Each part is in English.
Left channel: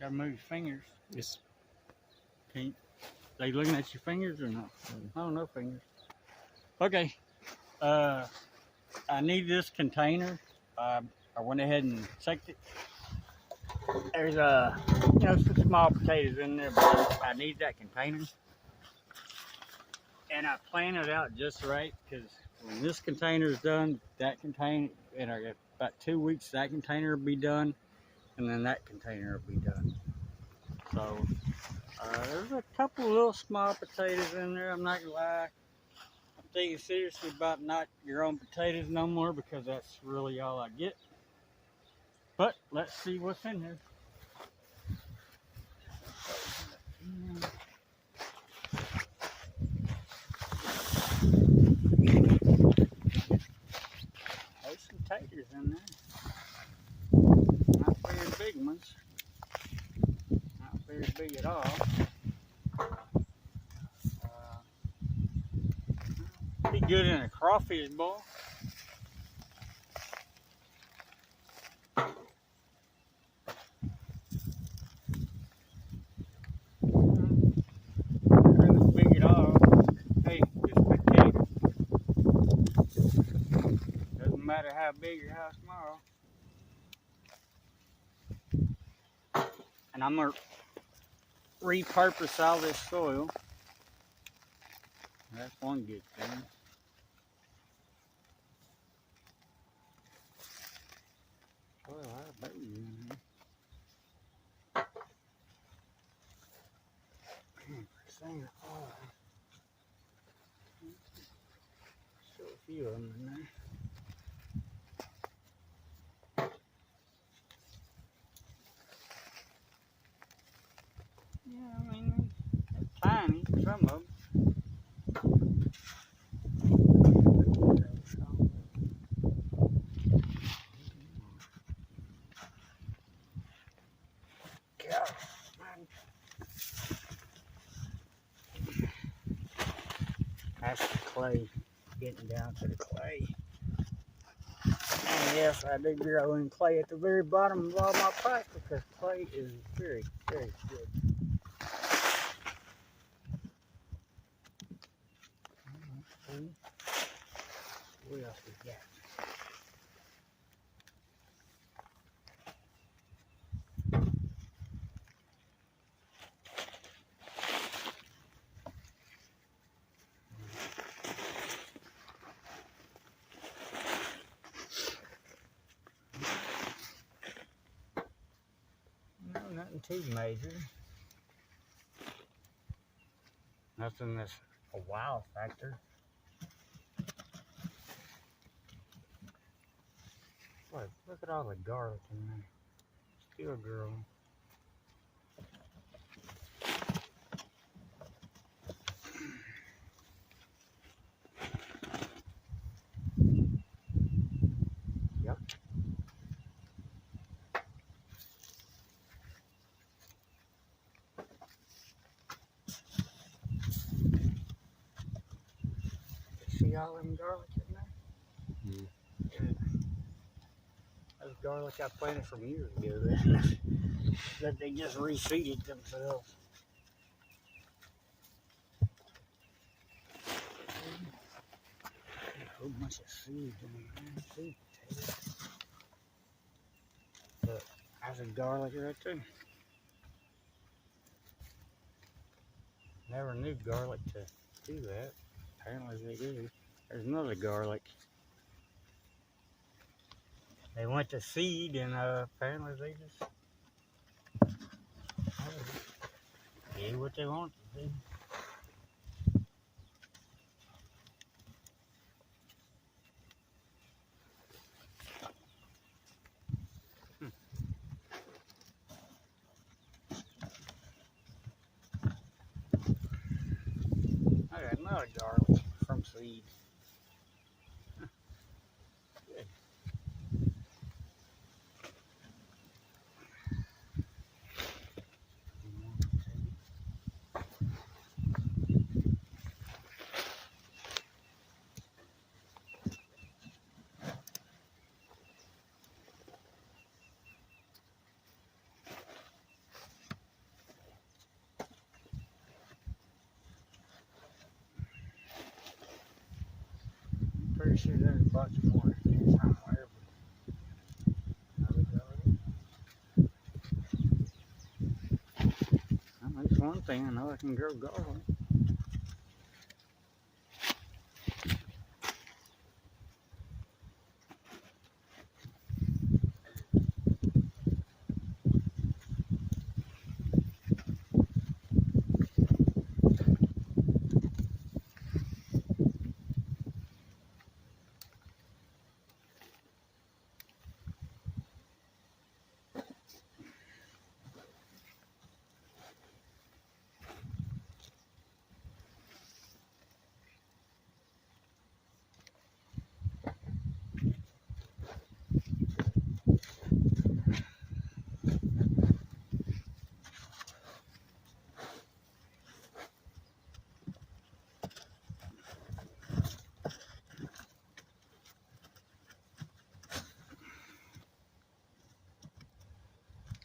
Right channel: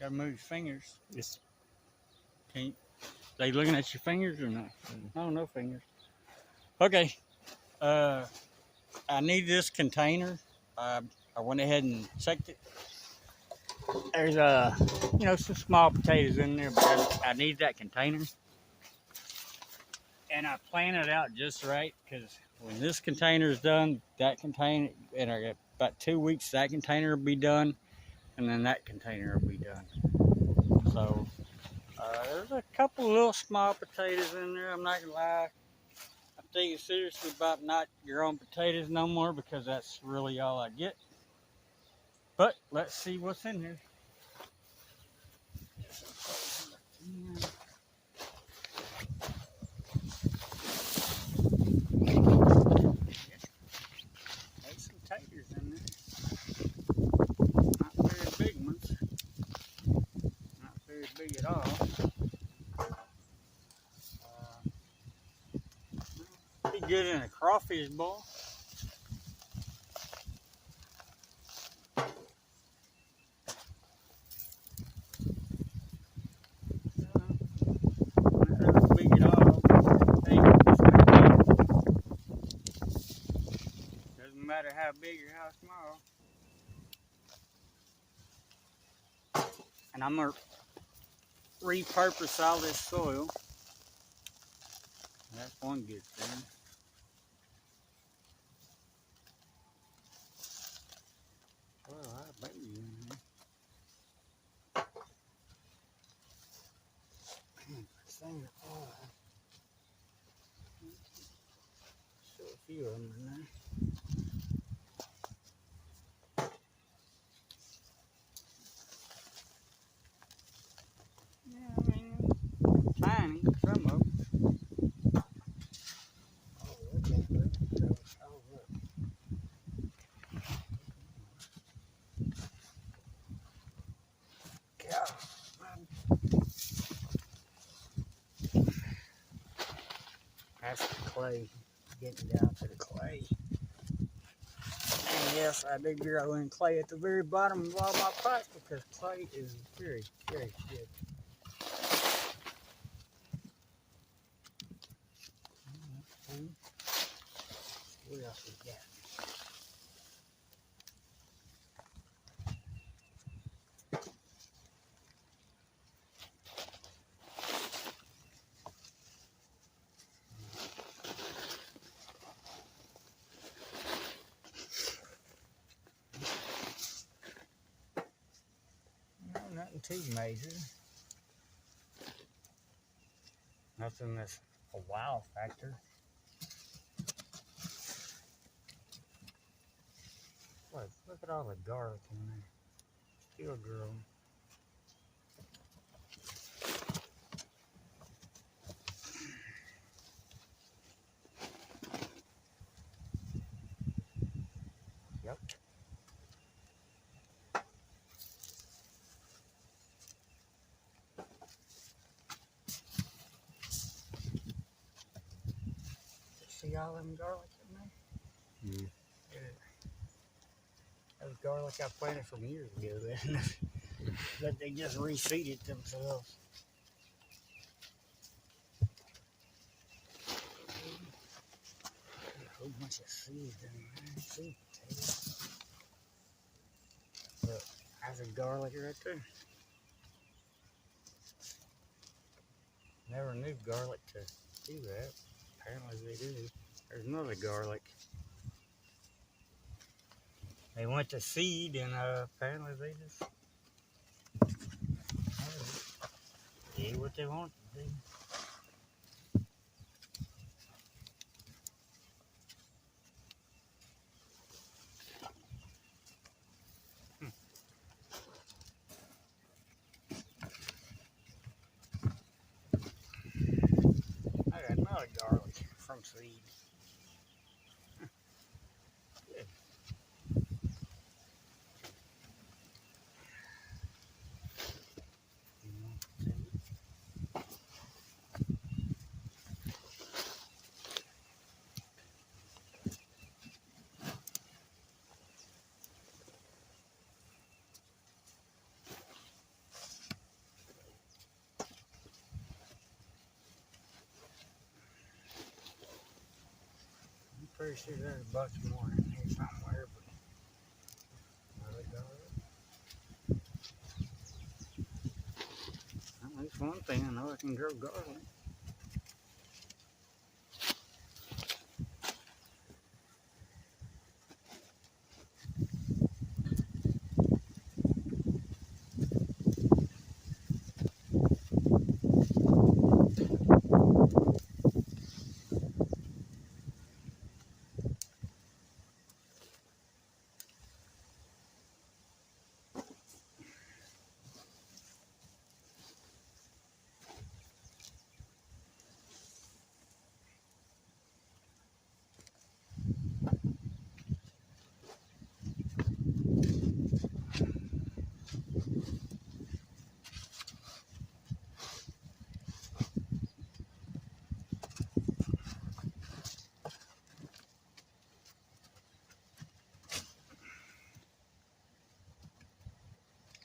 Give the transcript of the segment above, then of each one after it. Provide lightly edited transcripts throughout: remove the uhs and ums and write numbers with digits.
Gotta move your fingers. Yes. Can't. They looking at your fingers or not? I don't know fingers. Okay. I need this container. I went ahead and checked it. There's some small potatoes in there, but I need that container. And I plan it out just right because when this container is done, that container, in about 2 weeks, that container will be done, and then that container will be done. So there's a couple little small potatoes in there. I'm not gonna lie. I'm thinking seriously about not growing potatoes no more because that's really all I get. But let's see what's in here. There's some taters in there. Not very big ones. Not very big at all. Be good in a crawfish bowl. Not big at all. Hey, doesn't matter how big or how small. And I'm gonna repurpose all this soil. That's one good thing. Well, I bet you in here. So a few of them in there. Yeah, I mean, tiny, some of them. That's the clay, getting down to the clay. And yes, I do grow in clay at the very bottom of all my pots because clay is very, very good. What else we got? No, nothing too major. Nothing that's a wow factor. Look at all the garlic in there. Still growing. Yep. See all them garlic in there? Mm. Yeah. That was garlic I planted from years ago that they just reseeded themselves. A whole bunch of seeds in there. Seed potatoes. Look, there's a garlic right there. Never knew garlic to do that. Apparently they do. There's another garlic. They went to seed and apparently they just did what they wanted to do. I got another garlic from seed. Good. pretty sure there's a bunch more in here somewhere, but another garlic. Well, that's one thing, I know I can grow garlic.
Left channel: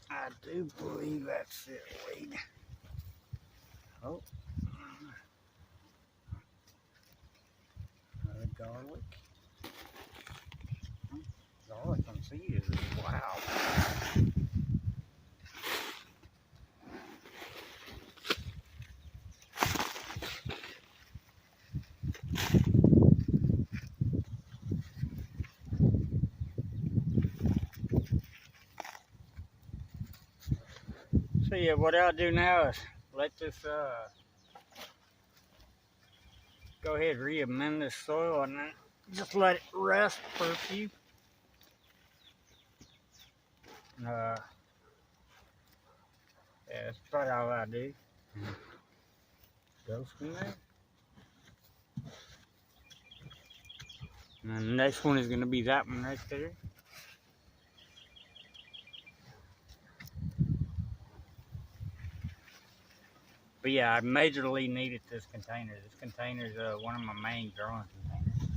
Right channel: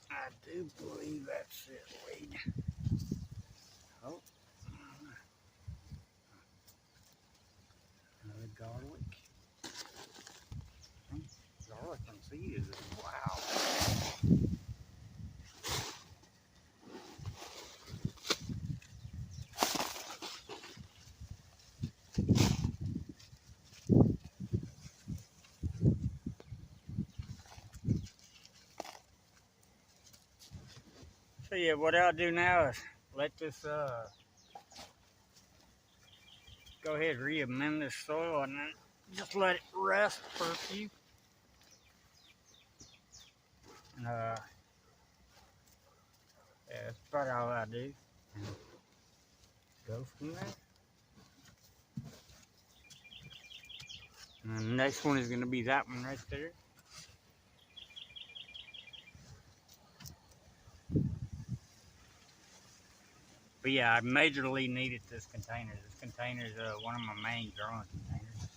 I do believe that's it, wait. Oh. Another garlic. Garlic and seed is wow. So yeah, what I'll do now is let this go ahead and re-amend this soil and then just let it rest for a few. Yeah, that's about all I do. Go from there. And the next one is going to be that one right there. But yeah, I majorly needed this container. This container is one of my main growing containers.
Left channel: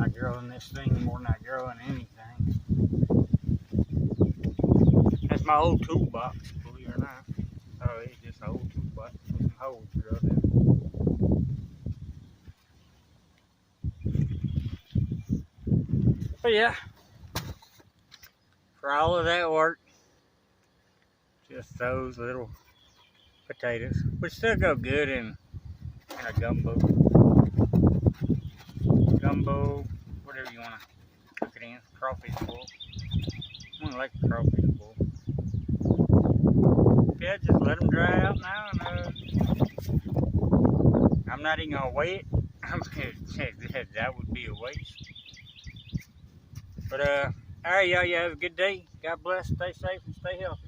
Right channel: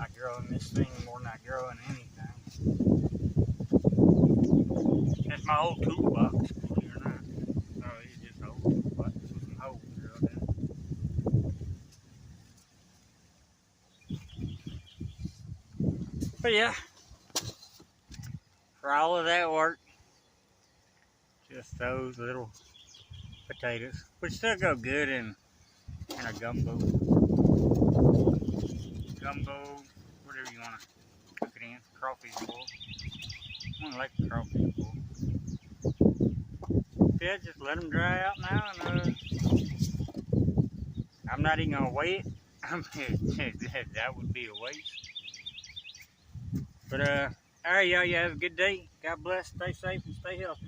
I grow in this thing more than I grow in anything. That's my old toolbox, believe it or not. So it's just an old toolbox with some holes drilled in it. But yeah, for all of that work, just those little potatoes, which still go good in a gumbo, whatever you want to cook it in, crawfish bowl. I don't like crawfish bowl. Yeah, just let them dry out now, and I'm not even gonna weigh it. That would be a waste. But all right, y'all, you have a good day. God bless. Stay safe and stay healthy.